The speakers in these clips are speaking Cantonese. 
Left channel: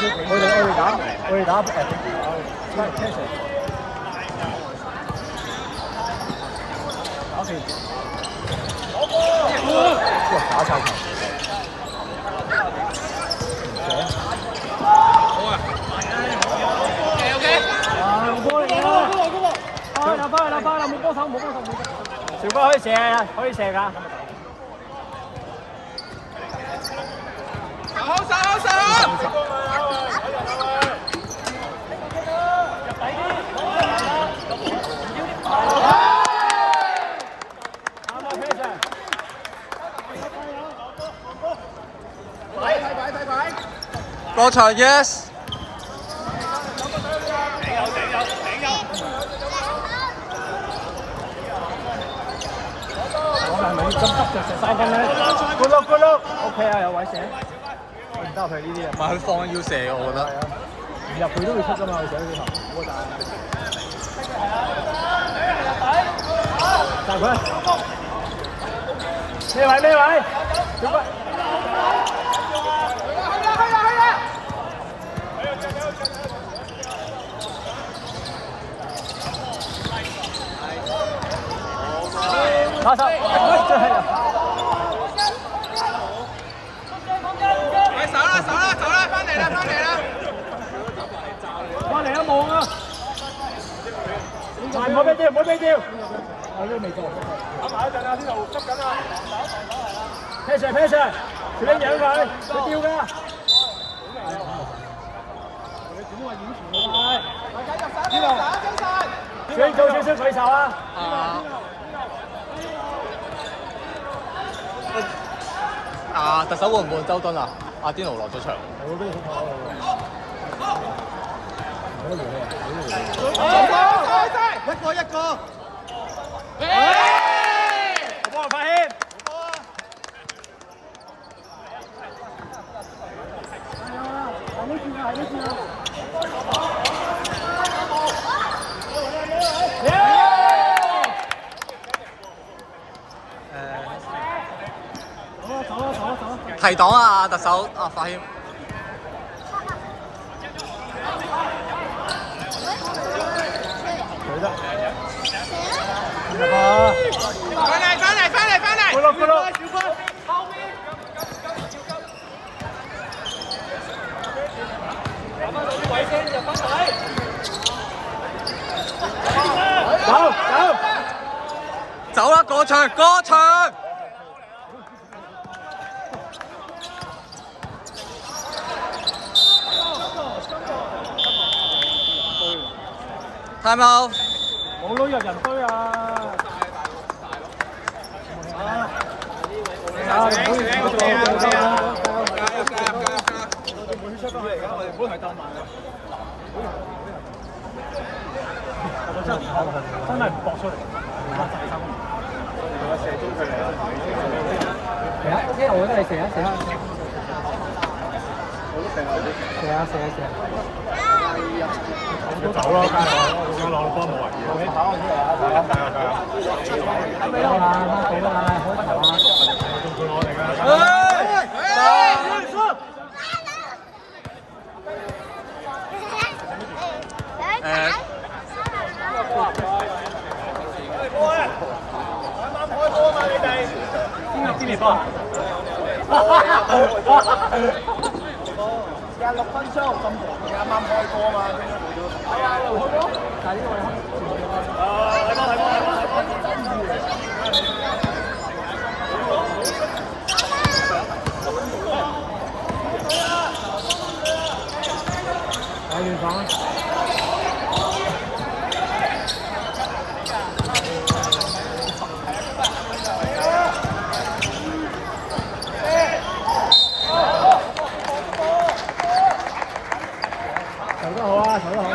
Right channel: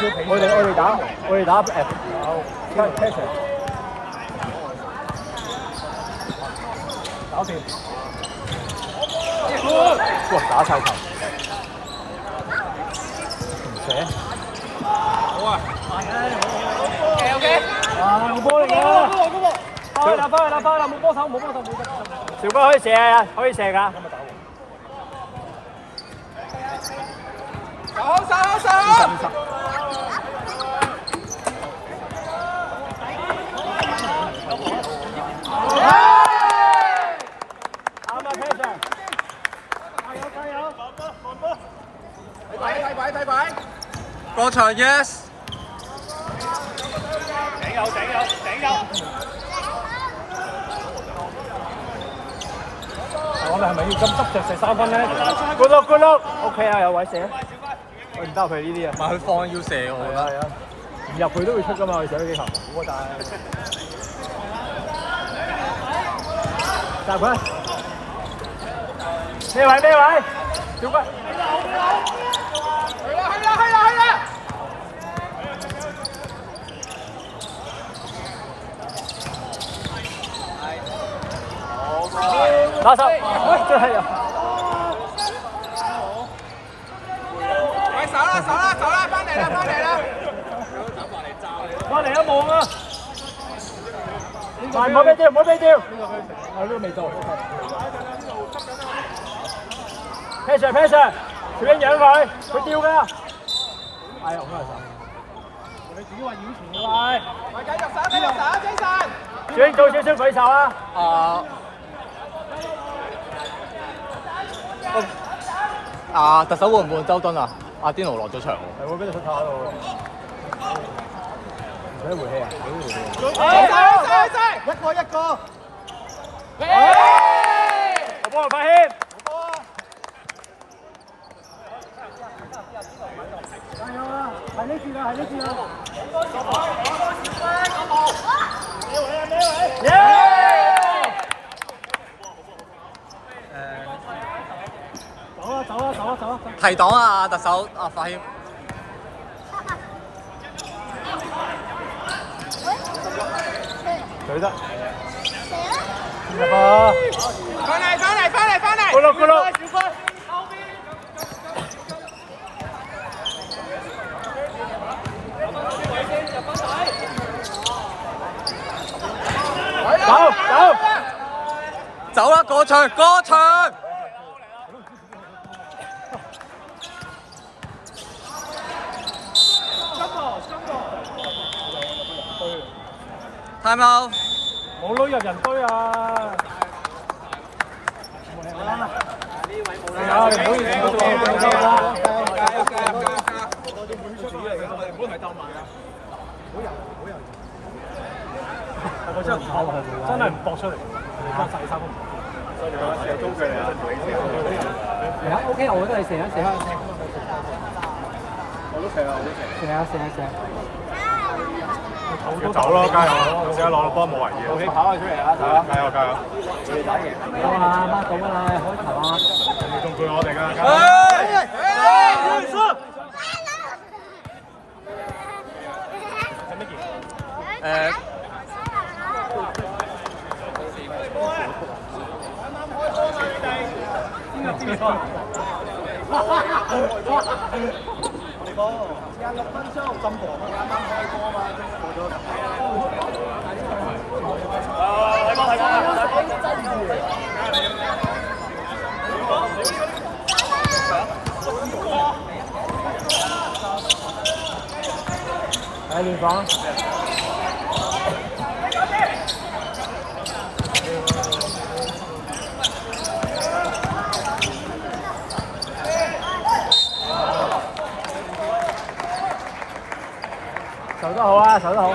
我哋打唔係 passion。OK。哇！打晒球。誰啊？好啊。OK。紅波嚟㗎。翻嚟，冇波手。小波可以射啊，可以射㗎。手！啱啊 ，Peter。過場 ，yes。我哋係咪要咁急食晒根咧？Good look，OK 啊，有位射。唔得佢呢啲啊。唔係佢放要射，我覺得。唔入佢都會出㗎嘛，佢射呢幾球。大佢。咩位？小骨。打手，真係。喂，走啦，翻嚟啦！翻嚟都冇啊！唔好俾掉。啊，呢個未到 ，OK。Passer，小英養佢掉㗎。係，我嚟打。你點話演傳喎？喂，繼續打，小英做少少舉手啊！特首會唔會周敦啊？阿甸奴落咗場，係會俾你出頭嗰度喎。唔使回氣啊！一個。我幫佢發謙。走啊！提檔啊，特首啊，發謙。佢得。翻嚟！咕碌。走啦，過場。time out。冇攞入人堆啊！呢位冇啦，唔好出翻去而家，我哋唔好係鬥慢啊！我真係唔搏出嚟。射中佢嚟，OK， 我都係射一。我都射啊！要走咯，加油！而家攞到波冇圍嘅。你跑出嚟啊！加油！好啦，開球啊！你仲配我哋㗎？邊波？時間6分鐘，咁長嘅啱啱開波嘛？係啊，開波，但係呢個係聯防。守得好啊，守得好。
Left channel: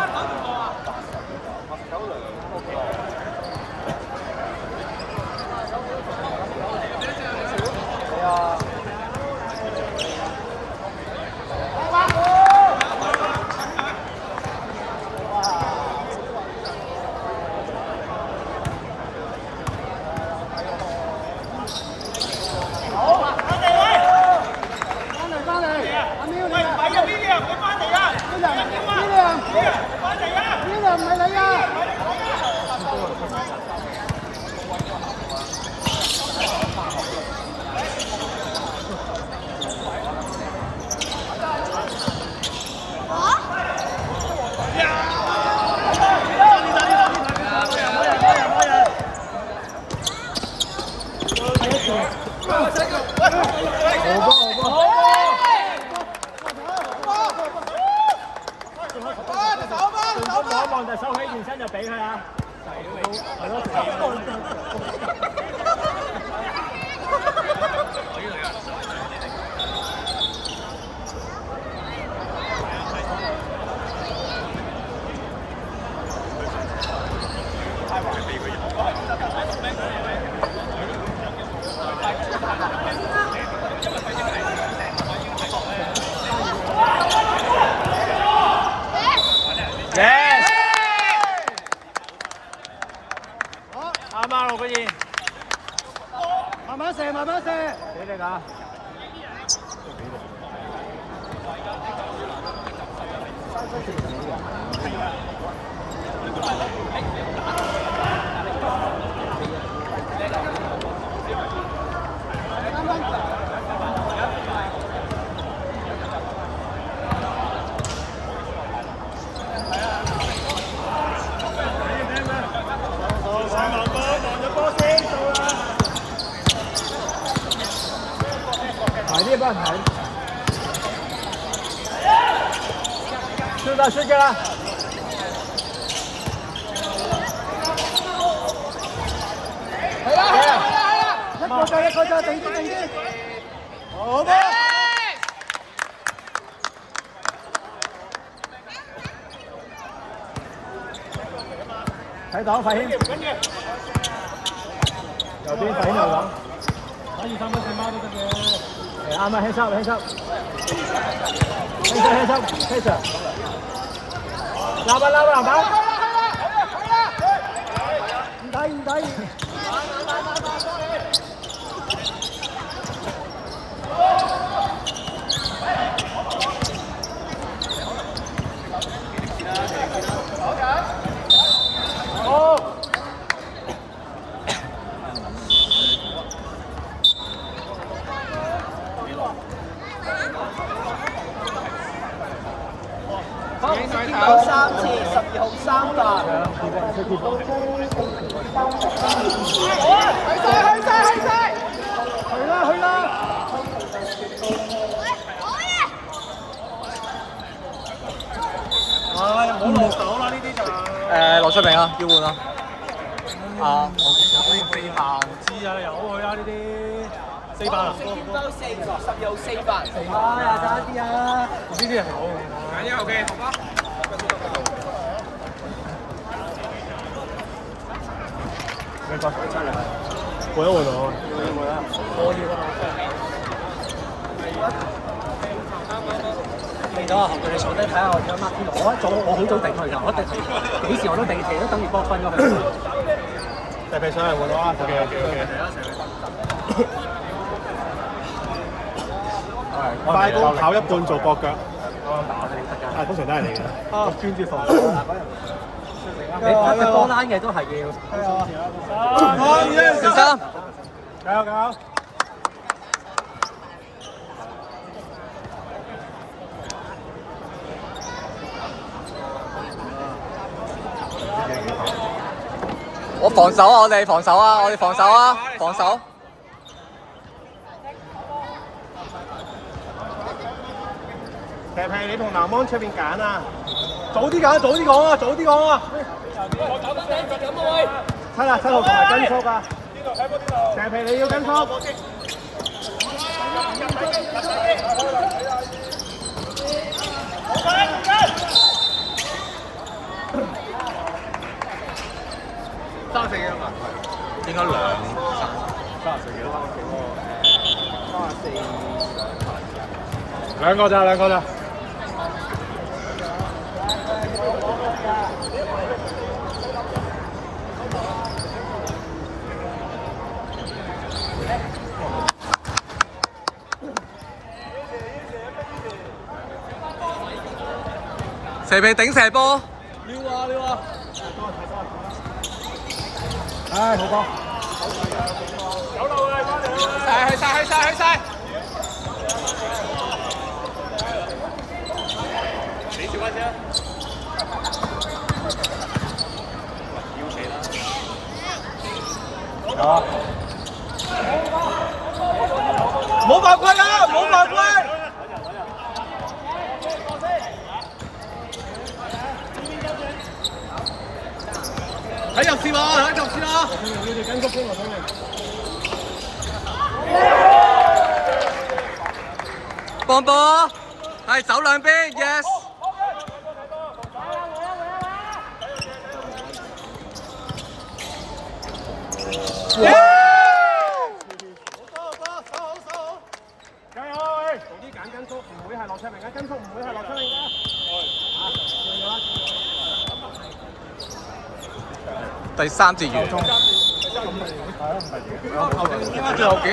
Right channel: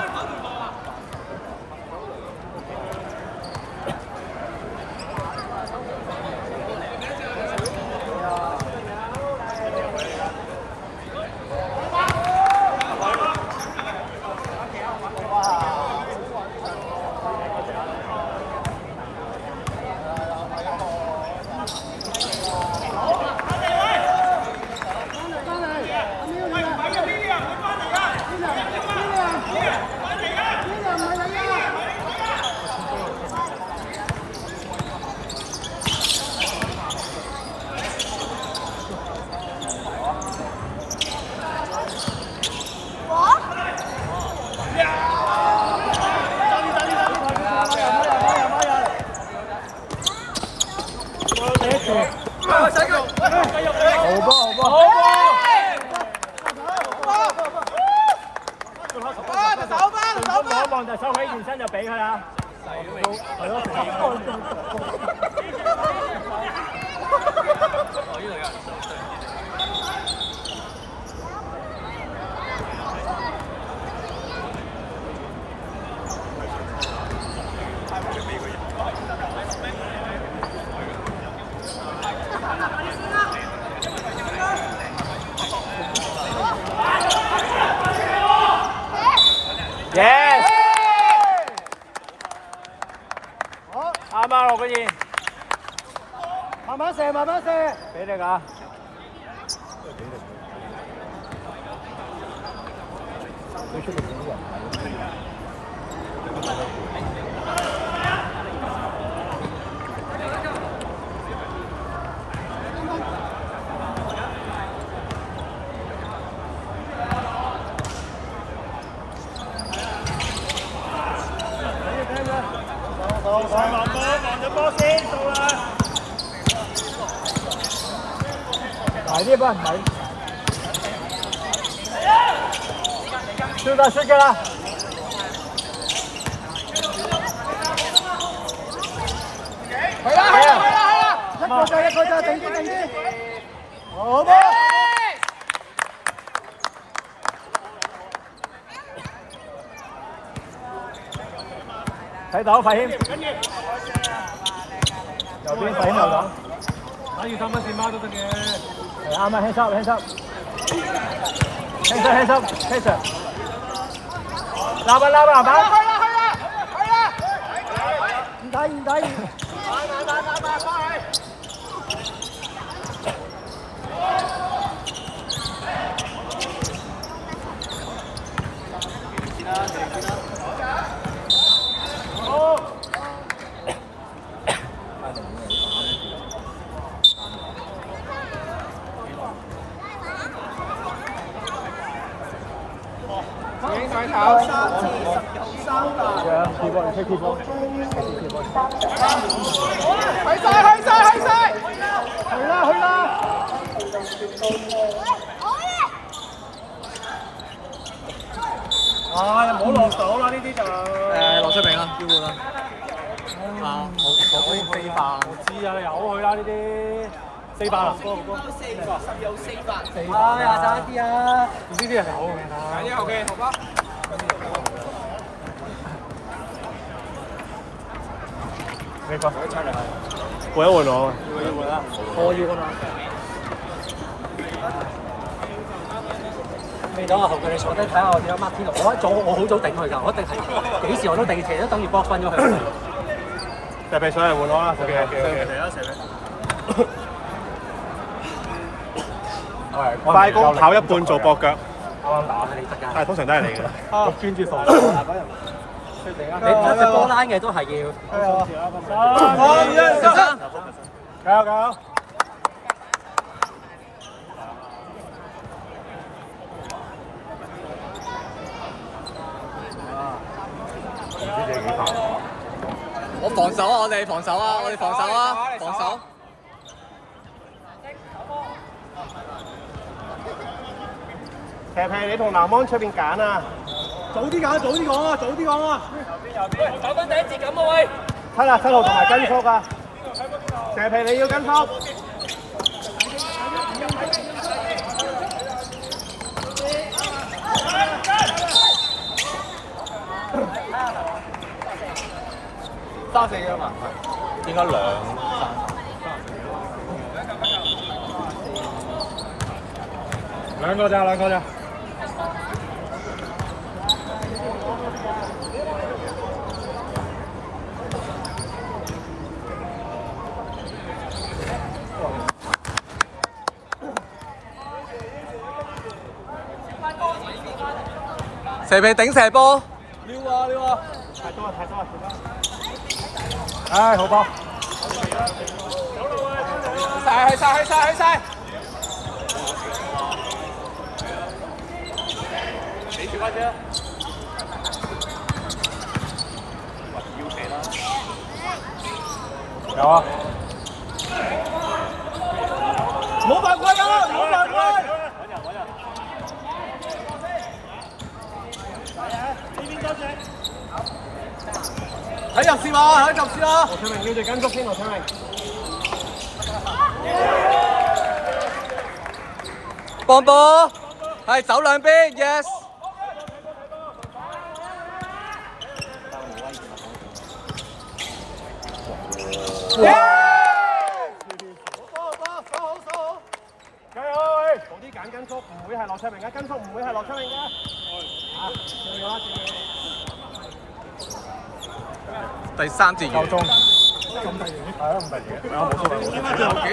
順風望一望就收起件身就俾佢啊！Yes！ 好，啱啊，羅君賢，慢慢射，慢慢射，俾你㗎。埋啲波，埋。出啦，出嘅啦。係啊！一個就定啲。好嘅。睇到費謙，跟住右邊費謙又講，打住3分線孖都得嘅。係啱啊 ，hands up，hands up，hands up，hands up，攬啊攬啊攬啊！唔睇，翻去。羅出明啊，要換啊！啊，我已經飛飯。知啊，由佢啦呢啲，400啊。10有400。廿三啲啊！呢啲係好。廿啲 OK，好吧。換一換我。我要啊！未到啊！學叫你坐低睇下我點樣 mark 天我好早定佢㗎，我一定係幾時我都定，成日都等住博分咗佢。就俾上嚟換我啦，快攻跑一半做駁腳，但係通常都係你嘅啦。專注防守。你跑嘅波拉嘅都係要。小三。搞。我防守啊！我哋防守啊！我哋防守啊！防守。其實係你同南芒出邊揀啊！早啲揀，早啲講啊！早啲講啊！我講緊第一節咁多位。7號台跟操㗎。蛇皮你要跟操。34幾多萬？應該2、3。兩個咋。蛇皮頂射波。撩啊！太多啦！唉，好波！去晒！冇犯規啊！冇犯規！睇入線啊！睇入線啊！羅翠明要住跟足先，羅翠明。幫波，係走兩邊 ，yes。加油！同啲揀跟足，唔會係羅翠明嘅跟足，唔會係羅翠明嘅。第3節完。應該最後幾